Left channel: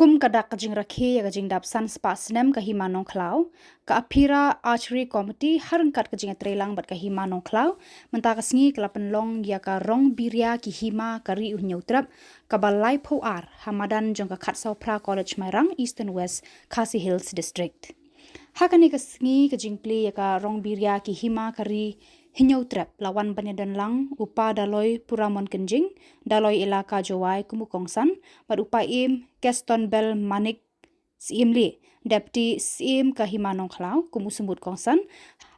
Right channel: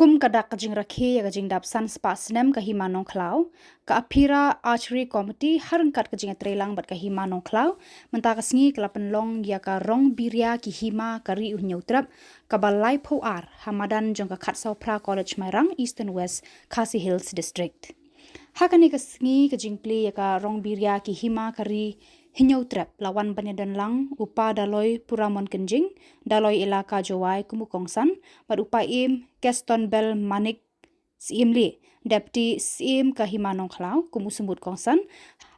kum kadak kajing rakhi ya kajing dap san spa snem ka himanong klau ka apira archery committee harangkat kajing trelang bat ka himanong klau menta ka sngi kelapen long ya ka rong biria ki hima kari unyautrap ka balai po ar hamadan jong ka khatsau pra college mairang east and west khasi hills district hakani ka sngi kajing play ya ka rong biria ki hima kari hinyautrap lawan banyadan lang upa daloi puramon kenjing daloi elaka jawai kumukongsan bat upa im Gaston Bell Manik Siem Lee Deputy Siem Kahimanong Klau kumusumut kongsan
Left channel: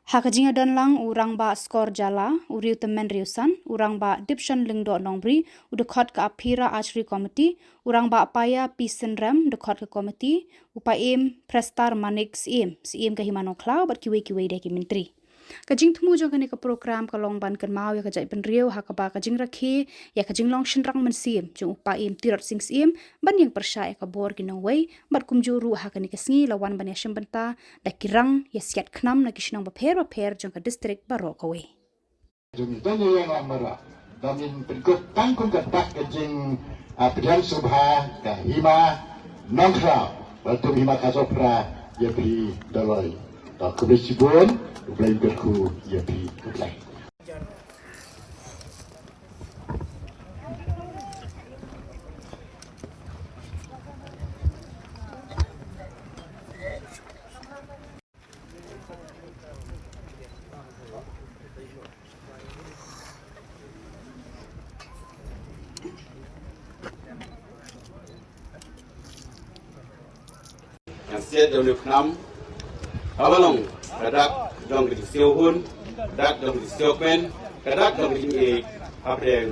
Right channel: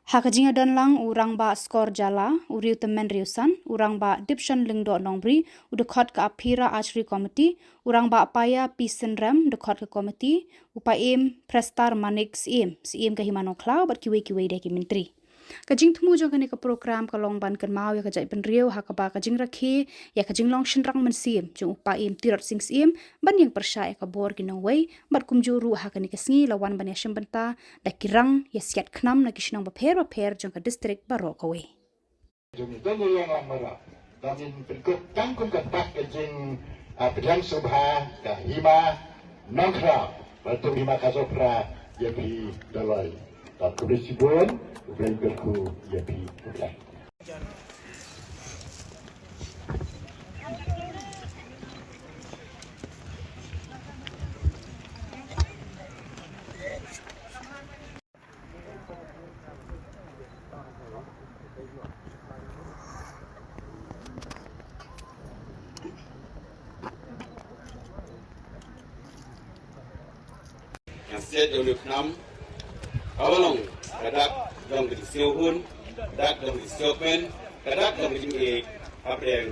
hakajinga dan lang urang ba skor jala uriu temen riusan urang ba dipshan lingdo nongbri udekot ka apira archery committee urang ba apaya pisen ram dekot ka committee upa im prestar Manik Siem Kahimanong Klau bat kiwe deki menteri kajing temu jong kani ka program ka long ban kan mau ya kajai penriu hakaba kajing rakhi ya kajing long shinrang mensim jong upa im tirot sing sim ban yang persya ya ka bor kinong wei bat kumjuru hakani ka sngi lawan ban ya shimbenta da kirang ya siat knam na kishnong baper jong ka district baro ka wei jong tani yang amara damin penkut tangkun ka tak kajing pidhan subha ka hima nongkra batu hima kasopra ya beri dalai tak kubesibun Ublay berku ya di ublay. Asyik dalam enam, awalong kadak dalam kejadian siapun, kadak dalam kejadian siapkan, kadak dalam kejadian apa yang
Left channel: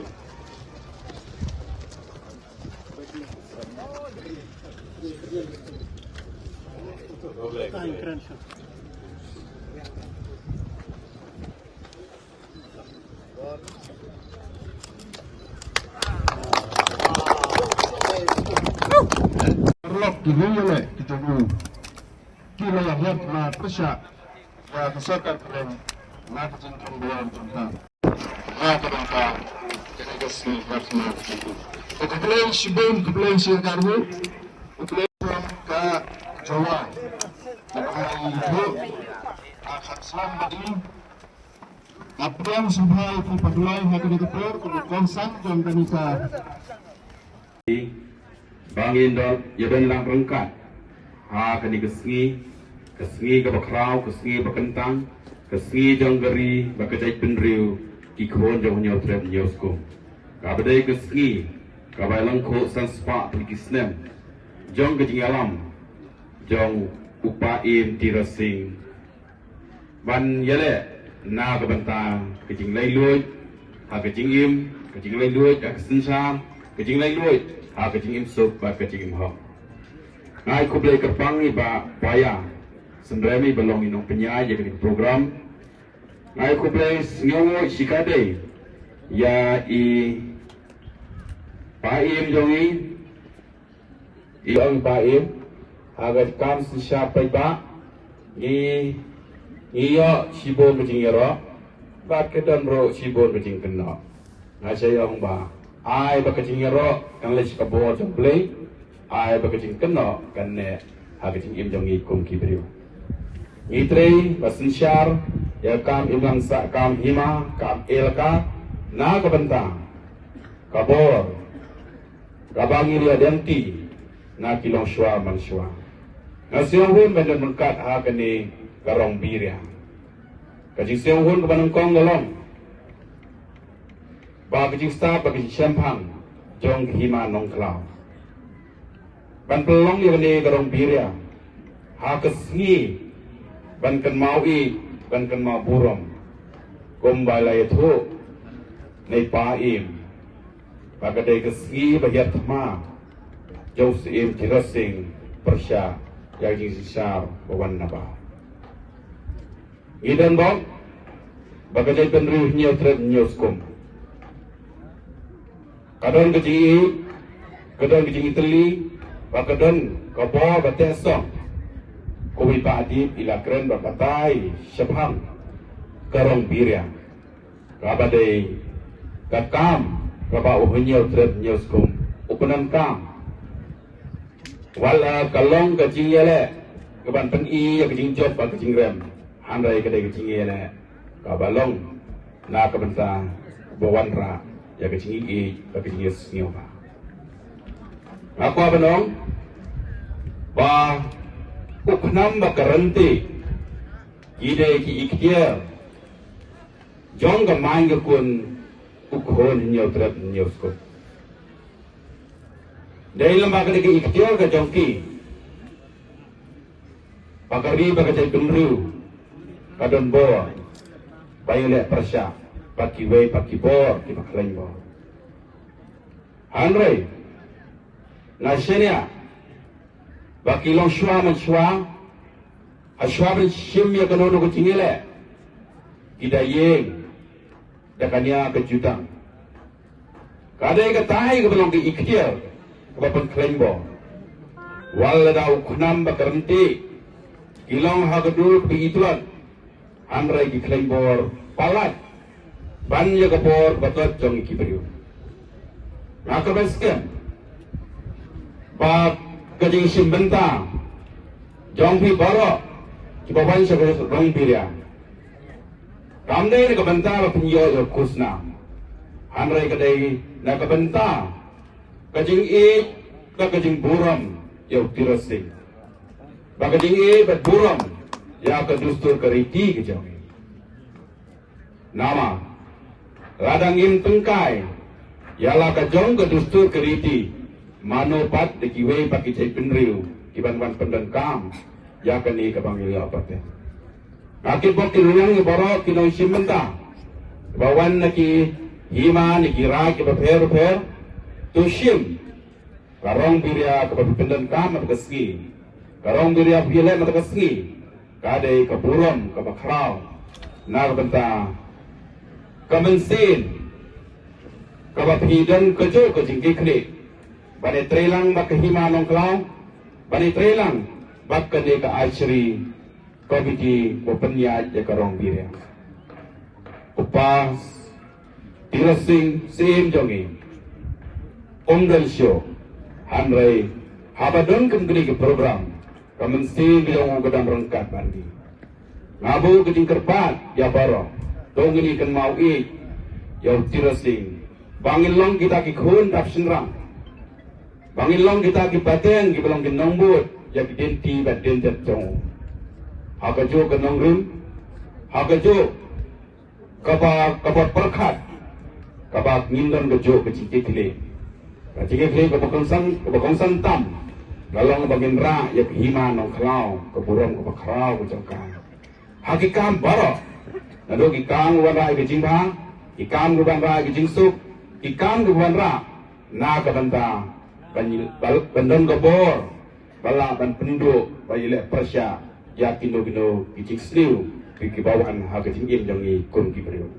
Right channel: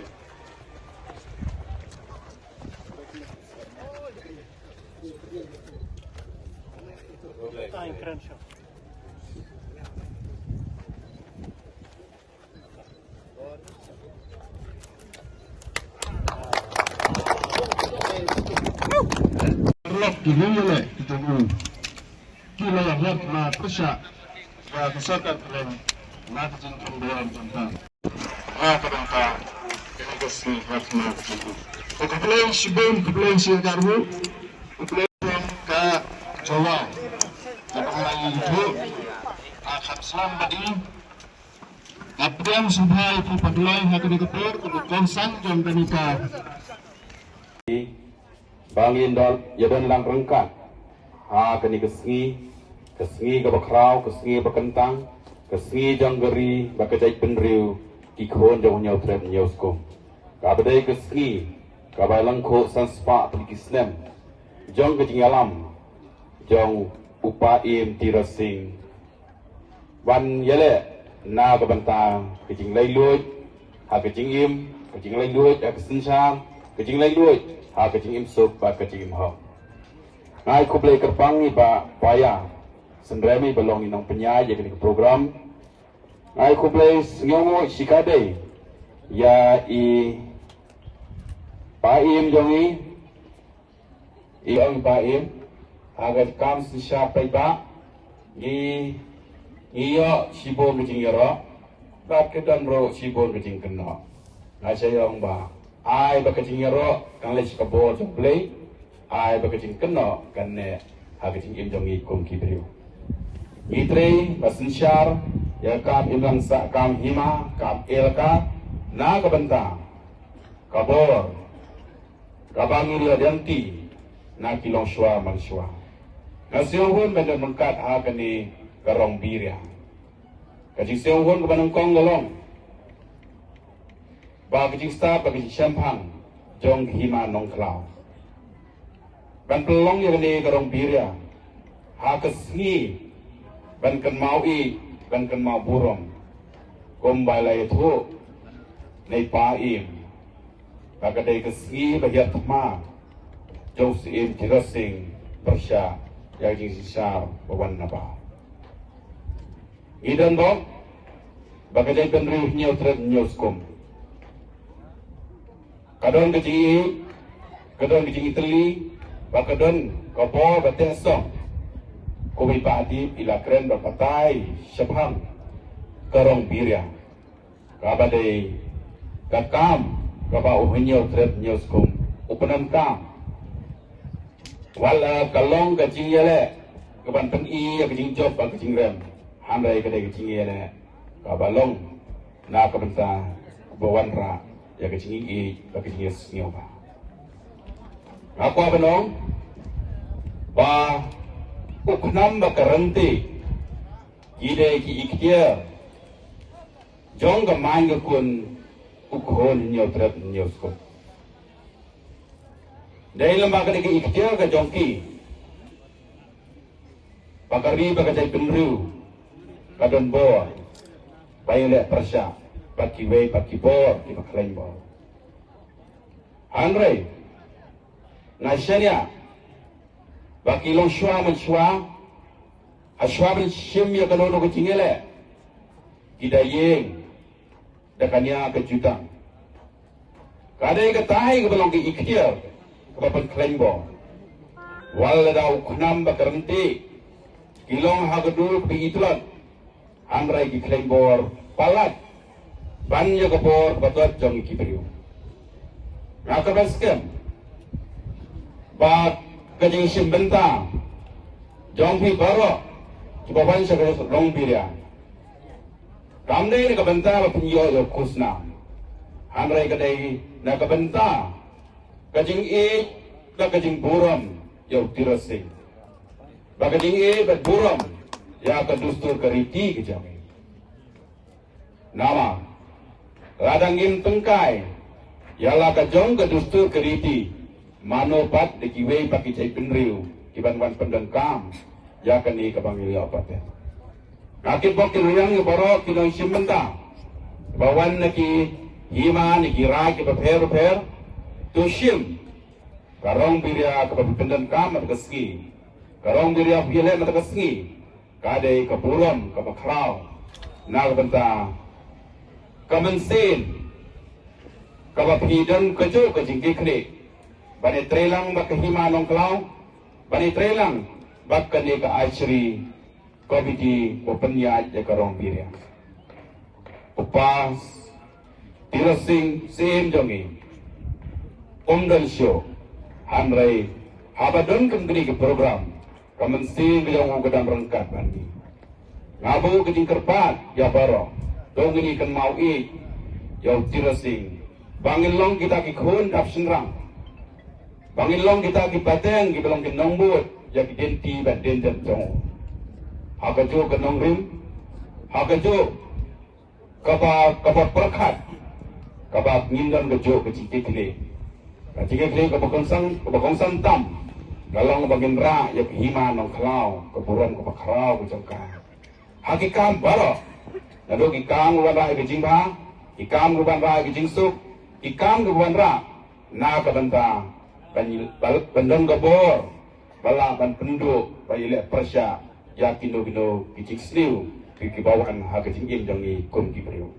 Perlok dihimbau kita kila yang na persya ya kesakan dalam nakjin pembuatan tentang ya kadangka negasi harusnya begitu. Kemudian sibun kemudian siakarmu kemudian ke Jawa kemudian itu akan selam tadi apa yang sudah itu padulai hati dikepur kemudian sanjung dan kita bangin dal yadan lang rengkat kani kesngi ka bakrau kesngi bakentang kesngi janggari bakajai penriu ki khon jong nyau trep nyau skom ka badai kesngi ka bailang kho sanspa pikisnem jong ke alam jong upa im tirasing ban yale na ka bantang kejing lai luoi kejing im kejing lai luoi ka kesensa kejing lai luoi kejing im sok ba kejing im ho ngai ko blai kerpang ni ba paya sembrami belong inong penyai jadi program ngai ko blai ngongo sikade ya i paim jongi i ong paim agar kam sisha ba i iyo sibon kejing yaro ba kedan ro sibon kejing kena ngai sayong ba ai ba kejing yaro kang les kabor jong blai ai bakajing keno kanne hakajing im jongi kum kibriu itre basensyar ya kam imlang sa kam hima kam elka na kabenta kabor kabangi dia denti na kilong shwa manswa na siung banyak mengkat hakani karong biria kajing siung hun kabanong kong golong ba kajing sta bakajing champang jong hima nong klau ban pelong yang ni karong biria hakesngi ban kan mau ban kan mau burung kombalai itu nei paim bakadai kesngi bagiat ma jauh sim tirasing persya yang jing sisa bawan naba idan bang bakadai penriuh nyau tret nyau skom kadon kejing teli Bakadon kabo bateso kowi padi ila keren berkatai syabham karong biria kabadai kakam kaba uhnyo tret nyoskum upanam kam wala kalong ka jing yele ka ban pen I ka jing job ka jing rem handai ka dai ka jing yele ka balong na ka ban sa bawan ra ya ka jing I ka jing yes niu ba aku abanong ba uknam ba karanti ide ki iktia jong ka mang ka kun ukhon niu trap niu sko dahil lembaga ni ikhtiar ke jongki pakari bakajai tumriu kadon bo bayile persya paki wei paki bo ki paklain bo hanre nashania baki long shwa man shwa ashwa ben shim ya kanono ko tingele kidayeng dakanya kejutan kadai ka tai ke belong ki ikhtiar Bapak Klengbo, wala daw kunam bakarenti, ilong hagadul pigituan, amray ki Klengbo palat, banya kapor batot jong ikibriu. Nakabaskem, bak kajing simbenta, jong pi baro, kibawan sa kaya rong pirya. Kamday ni kabenta mapinyo yo kusna, amray kaday nakabenta, kajing na kajing buram yung tirasing. Bakajing bat buram ya kadustur kariti kajang. Nama ladang im tengkai yala kajong kadustur kariti manopat de kiwe paki cai penriu kiban-ban pendengkam ya kani kabangili apa teh. Akit bok kiruyang yung baro kinong simenta bawan naki hima niki rak iba tushim karong biria kapipendan kam matakaski karong biria pile matakaski kadai kapurom kapakraw nagbanta kamensin kapapidan kajo kajingki kri bani trelang makahima nong klaw bani trelang bakkane ka achri kabiti popenya ya karong biria upas tirasing sim jongi Onggal show, hanrai, habadon kembali ke program, kamensi bilang gedang rengkat bandi. Ngabu keding kerpat, ya baro, dong ini kan mau ya tirasing. Bangin long kita kikun tap senrang. Bangin long kita kibateng, kibalong kinongbut, ya kidenti baden jatong. Hakajo kenong rim, hakajo kapa perkat, kapa ngindam kejo kecikikli. Jika kali kebakongsan tam, galong bagian ra, ya kehima nong klau, keburon kebakrau kecongkang. Hakikam baro, lalu ikam guban ra ikejingha, ikam guban ra ikejing ikam guban ra, na kabanta, bandong gabor, balang dan penduk, bayile persya, ya kino kicik sliu, kikibawan hakejing jangi kun kibriu.